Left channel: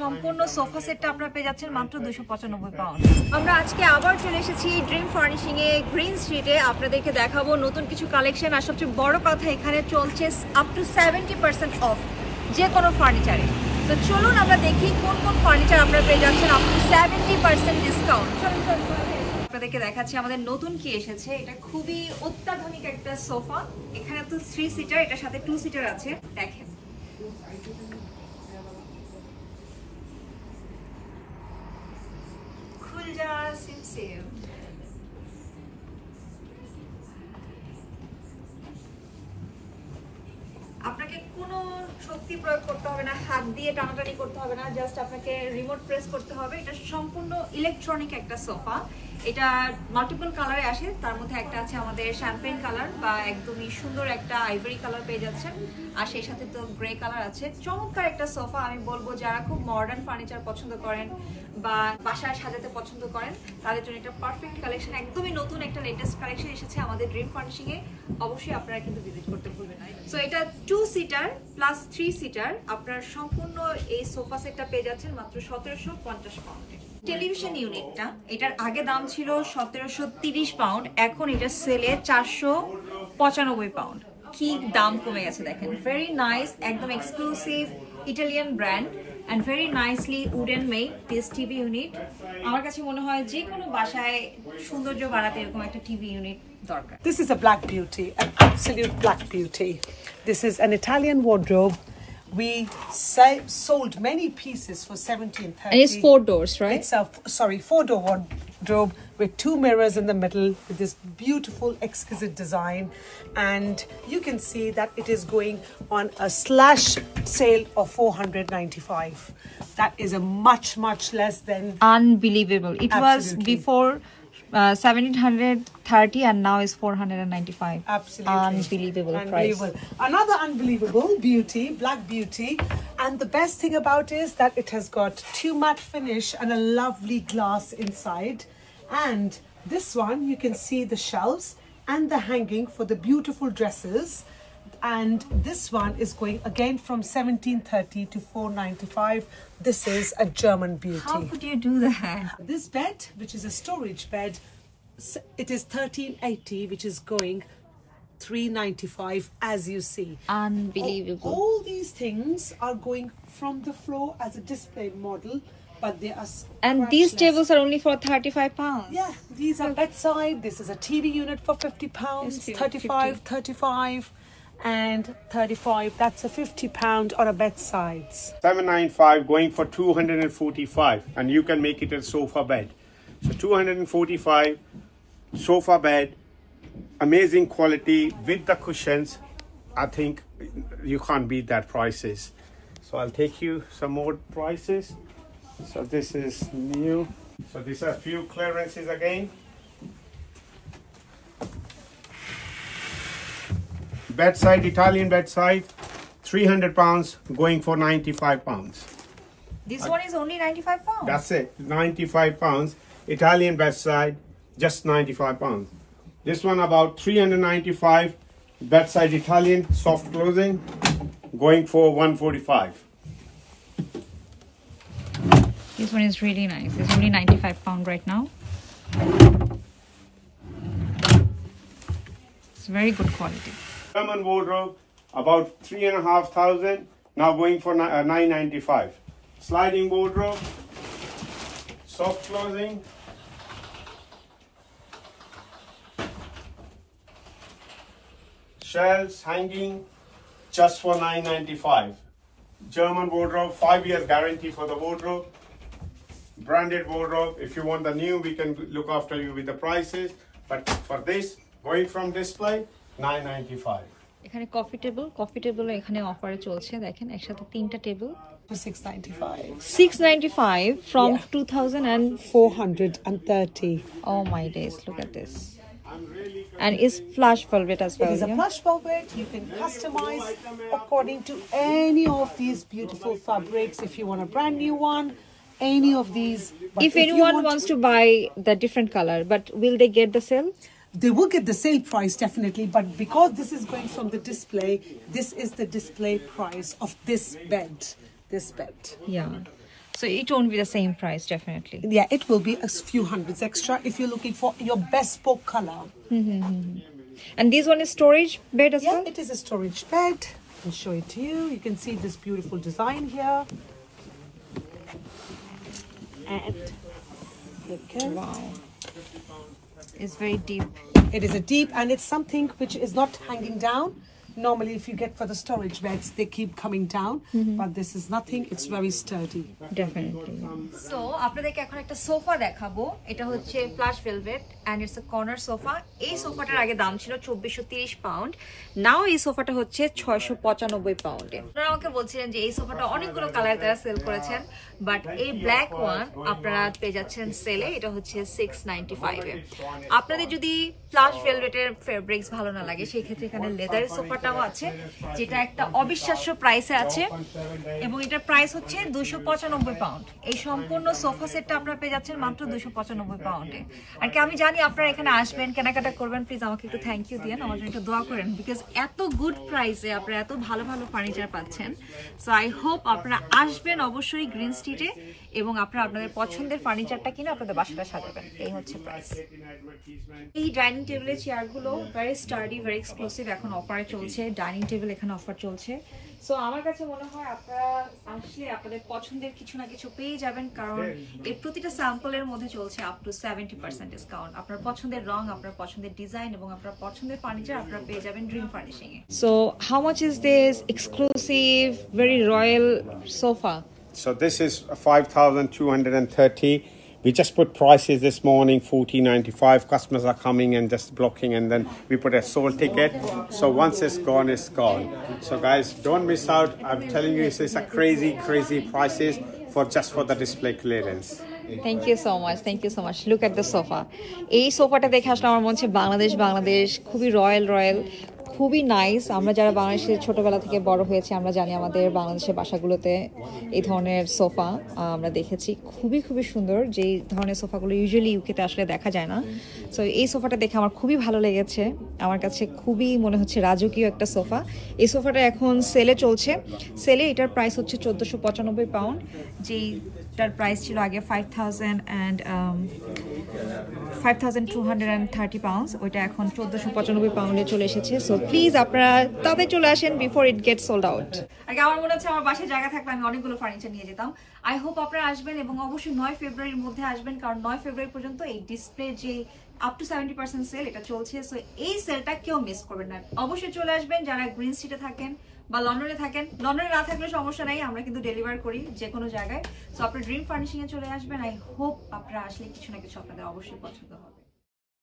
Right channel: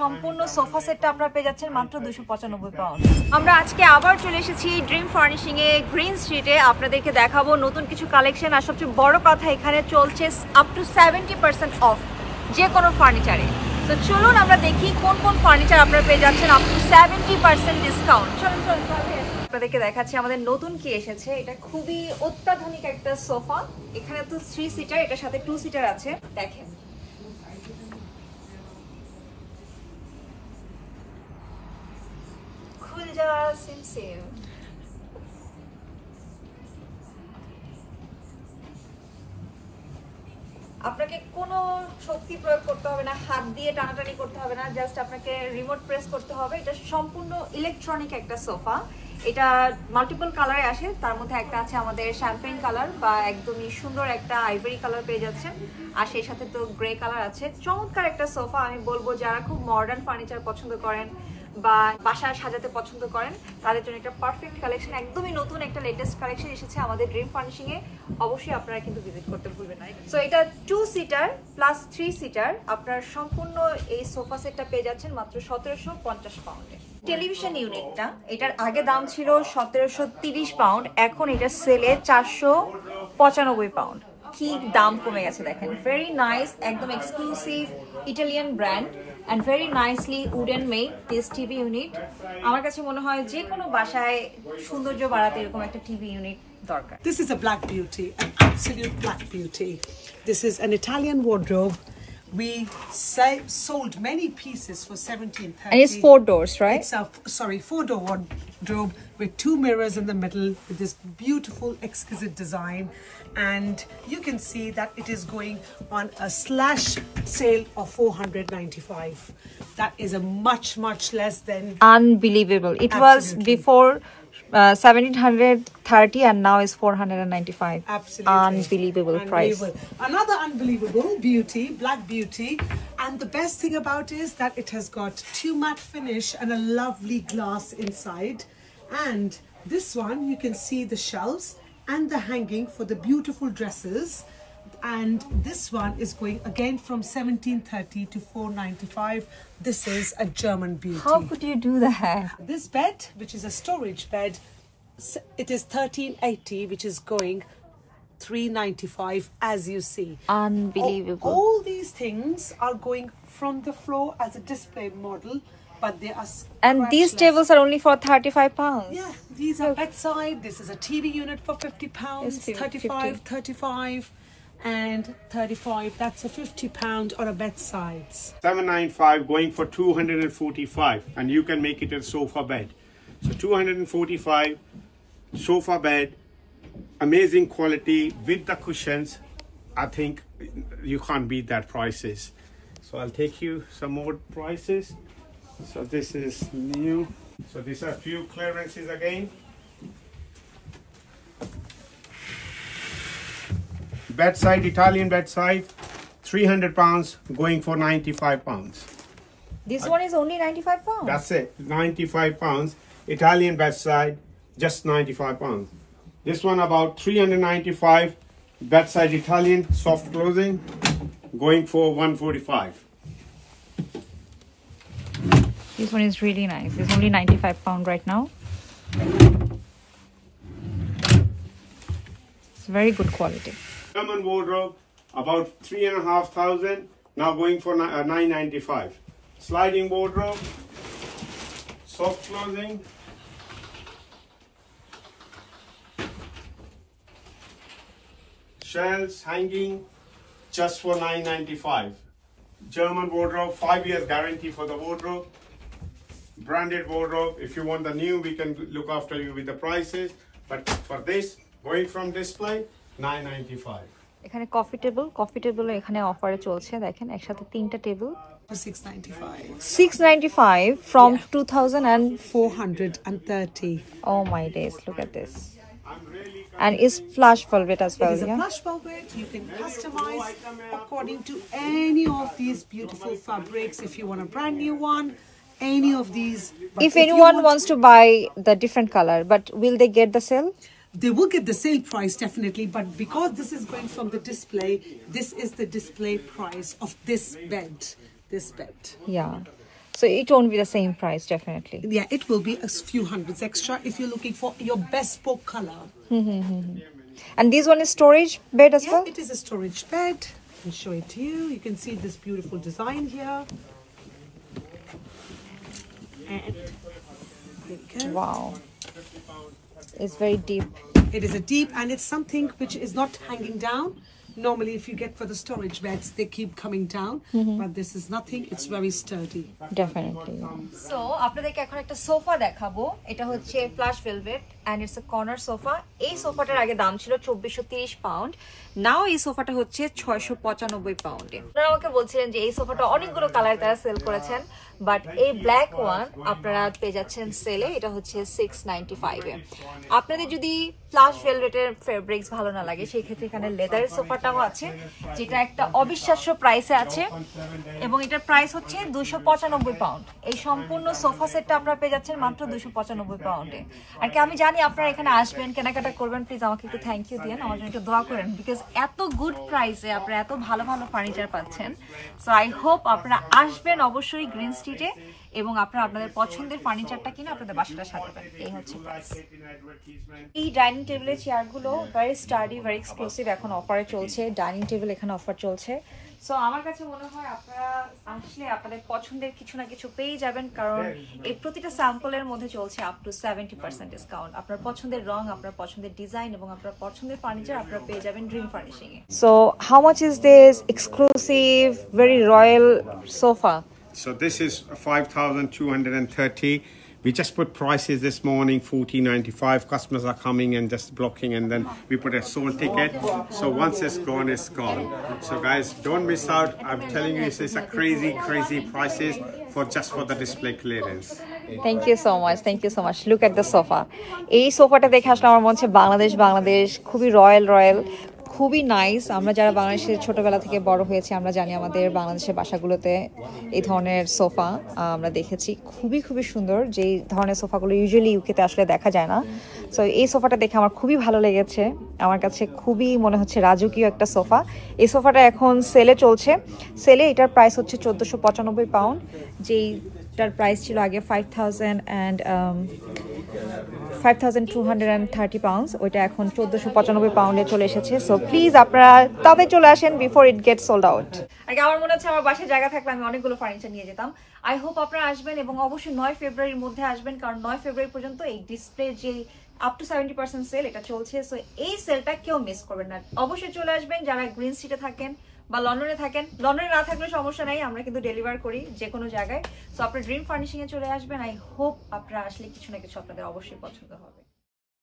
সম্পূর্ণ সোফা সেটটা আপনারা পেয়ে যাচ্ছেন মাত্র 295 পাউন্ড। আমরা আজকে আবার চলে এসেছি ড্রিম ফার্নিশিং এ গ্রিন স্ট্রিটে। আপনাদেরকে দেখাবো নতুন কিছু কালেকশন, আর সবচেয়ে বড় কথা এখানে চলছে আপ টু 70% অফ যে কোনো ফার্নিচারে। তো চলুন আমরা দেখি কোন কোন ফার্নিচার আপনারা পেয়ে যাচ্ছেন আপ টু 70% ডিসকাউন্ট। চলুন আপনাদেরকে দেখাচ্ছি আমাদের নতুন কি এসেছে। এটা খুবই অত্যাধুনিক একটা সোফা। এখানে তো 3 সিটার, এটার সাথে 2 সিটার আছে। দেখেন আপনাকে কোনো শক্তি প্রয়োগ করতে হবে না, হাত দিয়ে টানাটানি করতে হবে না, জাস্ট আপনাকে রিমোট প্রেস করতে হবে। এটা সম্পূর্ণ ইলেকট্রনিক একটা সোফা। এটা মাল্টিপল কালারে আসে, তার মধ্যে একটা আছে আমাদের শ্যাম্পেন কালার বা একদমই সুন্দর একটা আইভরি কালার পেয়ে যাচ্ছেন, আর সেই সাথে তো গ্রে কালার আছে। চমৎকার একটা সোফা। আমি বলবো যারা খুব মডার্ন ফার্নিচার পছন্দ করেন বা বাসায় সাজাতে পছন্দ করেন তাদের জন্য একটা পারফেক্ট কালেকশন। একদমই নতুন একটা লেটেস্ট কালেকশন এসেছে আমাদের ড্রিম ফার্নিশিং এ। অবশ্যই আপনারা কিন্তু ভিজিট করতে ভুলবেন না। সো এটা 2 সিটার প্লাস 3 সিটার। আপনার সম্পূর্ণ এই সোফা সেটটা পেয়ে যাচ্ছেন মাত্র 1750 পাউন্ডে। টেলিভিশন ইউনিটটা, এটার আগে দাম ছিল 1730 পাউন্ড, এখন এটা সেলে 495 পাউন্ড। কি দাম কমে গেছে দেখেন। ভেরি নাইস, একদম exclusive Italian brand and very nicely wooden made this TV unit. আমার কাছে মনে হয় যে কোনো বাসায় সৌন্দর্য বাড়াতে এরকম একটা টিভি ইউনিট দরকার। This is a black beauty, an absolute black beauty. This is an Italian wardrobe. We sold many pieces for 1730. And it's 4 doors, right? It's a 4-door wardrobe with 2 mirrors in the middle with this beautiful exquisite design, and you can see that it is going on a slash sale of 495. That is a much less than unbelievable. It absolutely. Was before 1730 and now is 495. Absolutely unbelievable price. Another unbelievable beauty, black beauty, and the best thing about it is that it has got 2 matte finish and a lovely glass inside. And this one, you can see the shelves and the hanging for the beautiful dresses. And this one is going again from 1730 to 495. This is a German beauty. How could you do that? This bed, which is a storage bed, it is 1380, which is going 395, as you see. Unbelievable. All these things are going from the floor as a display model, but they are and these tables are only for 35 pounds. Yeah, these are bedside. This is a TV unit for 50 pounds, 35, 35. And 35, that's a 50 pound on a bedsides. 795 going for 245, and you can make it a sofa bed. So 245 sofa bed, amazing quality with the cushions. I think you can't beat that prices. So I'll take you some more prices. So this is new. So these are few clearances again. Bedside, Italian bedside, 300 pounds going for 95 pounds. This one is only 95 pounds. That's it, 95 pounds. Italian bedside, just 95 pounds. This one about 395. Bedside Italian, soft closing, going for 145. This one is really nice. It's only 95 pounds right now. It's very good quality. German wardrobe, about 3,500, now going for 995. Sliding wardrobe, soft closing, shelves hanging, just for 995. German wardrobe, 5 years guarantee for the wardrobe. Branded wardrobe. If you want the new, we can look after you with the prices, but for this, going from display, 995. এখানে coffee table এখানে অফারে চলছে। দেখেন একসাথে 3টা টেবিল 695 from 2430. Oh my days, look at this. And it's flush velvet as well. It is a flush velvet. You can customize according to any of these beautiful fabrics. If you want a brand new one, any of these. If anyone wants to buy the different color, but will they get the sale? They will get the sale price definitely, but because this is going from the display, this is the display price of this bed. Yeah. So it won't be the same price, definitely. Yeah, it will be a few hundreds extra if you're looking for your bespoke color. And this one is storage bed as Yeah, well? it is a storage bed. I'll show it to you. You can see this beautiful design here. And look at Wow. It's very deep. it is a deep, and it's something which is not hanging down. Normally, if you get for the storage beds, they keep coming down, but this is nothing. It's very sturdy. Definitely. So, আপনাদেরকে এখন একটা সোফা দেখাবো। এটা হচ্ছে plush velvet and it's a corner sofa. এই সোফাটার আগে দাম ছিল 2430 পাউন্ড। নাও এই সোফাটা হচ্ছে 695 পাউন্ডে। আপনারা আমাকে বলছিলেন যে এই সোফাটা অনেকগুলো কালারে তারা সেল করেছেন, বাট এই ব্ল্যাক ওয়ান আপনারা পেয়ে যাচ্ছেন সেলে, এটা হচ্ছে 695 এ। আপনাদের যদি ফ্লাশ ভেলভেটের ফেব্রিক্স ভালো না লাগে, সেই ক্ষেত্রে এখানে লেদারের সোফাটাও আছে, যেটা একটা অবিশ্বাস্য প্রাইসে আছে, এবং এটার প্রাইস হচ্ছে 295 পাউন্ড। এই সম্পূর্ণ সোফা সেটটা আপনারা পেয়ে যাচ্ছেন মাত্র 295 পাউন্ডে। আর কি আমি জানি আপনারা এখানে আসবেন, কেনাকাটা করবেন, প্লিজ আমাকে একটু থ্যাংক ইউ দিন, আমার জন্য একটু দোয়া করেন, বিকজ এত গুড প্রাইসে আপনারা এত ভালো ভালো ফার্নিচার পাচ্ছেন। সো আই হোপ আপনারা আসবেন অবশ্যই গ্রিন স্ট্রিটে, এবং আপনারা আপনাদের পছন্দের ফার্নিচারটা কিনে আপনাদের বাসাটা সাজাবেন। এই হচ্ছে প্রাইস। এই ডাইনিং টেবিলের চেয়ারগুলো ভেরি স্টাডি, ভেরি এক্সক্লুসিভ, এখন অফারে চলছে। ডাইনিং টেবিল এখানে অফার চলছে। সো আমার কাছে মনে হয় আপনারা আসলে আপনাদের পছন্দের কিছু না কিছু পেয়ে যাবেন, কারণ এই প্রতিটা স্যাম্পলের মধ্যে চলছে আপ টু 70% ডিসকাউন্ট। আপনার পছন্দের রং, আপনার পছন্দের ডিজাইন এবং আপনার পছন্দের ফার্নিচার আপনারা পেয়ে যাবেন dream furnishing A. So how much is this exclusive very royal sofa? So this is 5,230. We just put prices this morning, 14.95. Customers are coming and just blocking, and then we put a sold ticket. So once it's gone, it's gone. So guys, don't miss out. I'm telling you, it's a crazy prices for just for the display clearance. Thank you so much. Thank you so much. Look at the sofa. এই সোফাটা দেখে আসলে আমার মনে হচ্ছে বাংলাদেশ খুবই রয়্যাল, খুবই নাইস। আমরা যারা বাংলাদেশে ছোটবেলা থেকে বড় হয়েছি, আমরা জানি আমাদের বাংলাদেশের বাসাগুলোতে এই ধরনের সোফা আমরা দেখেছি, খুবই সুন্দর। যেই ধরনের সোফাগুলো ইউজুয়ালি ইউকেতে আসলে দেখা যায় না। সো এই সোফাটা দেখে আমার খুবই ভালো লেগেছে। আমার কাছে খুবই মনে হচ্ছে রাজকীয় একটা সোফা। এই সোফাটা এখন সেলে চলছে। সেলে এটার প্রাইস হচ্ছে 1495 পাউন্ড, যেইটার প্রাইস ছিল আগে 5,230 পাউন্ডস। ওইটা এখন 1495 পাউন্ডে চলে এসেছে। সো প্লিজ আপনারা তাড়াতাড়ি চলে আসেন before it gate sold out. আগে আমার মনে হচ্ছে আমার বাসায় জায়গা থাকলে আমি অনেকগুলো ফার্নিচার নিয়ে যেতাম। আই হোপ আপনারা আসবেন, এবং অবশ্যই 9 ফেব্রুয়ারির মধ্যে আসবেন, কারণ 9 ফেব্রুয়ারি পর্যন্ত এই ডিসপ্লে যে আপ টু 70% সেল এটা চলছে। সো এই সেলটা কেউ মিস করবেন না, অবশ্যই চলে আসবেন যারা গ্রিন স্ট্রিটে থাকেন বা লন্ডনে থাকেন। লন্ডনে না থাকলে সমস্যা নাই, আমরা কিন্তু ডেলিভার করি যে কোনো জায়গায়। সো আপনার ড্রিম ফার্নিশিং এ চলে আসবেন। আই হোপ আপনারা আসলে কিছু না কিছু আপনাদের অবশ্যই পছন্দ হবে।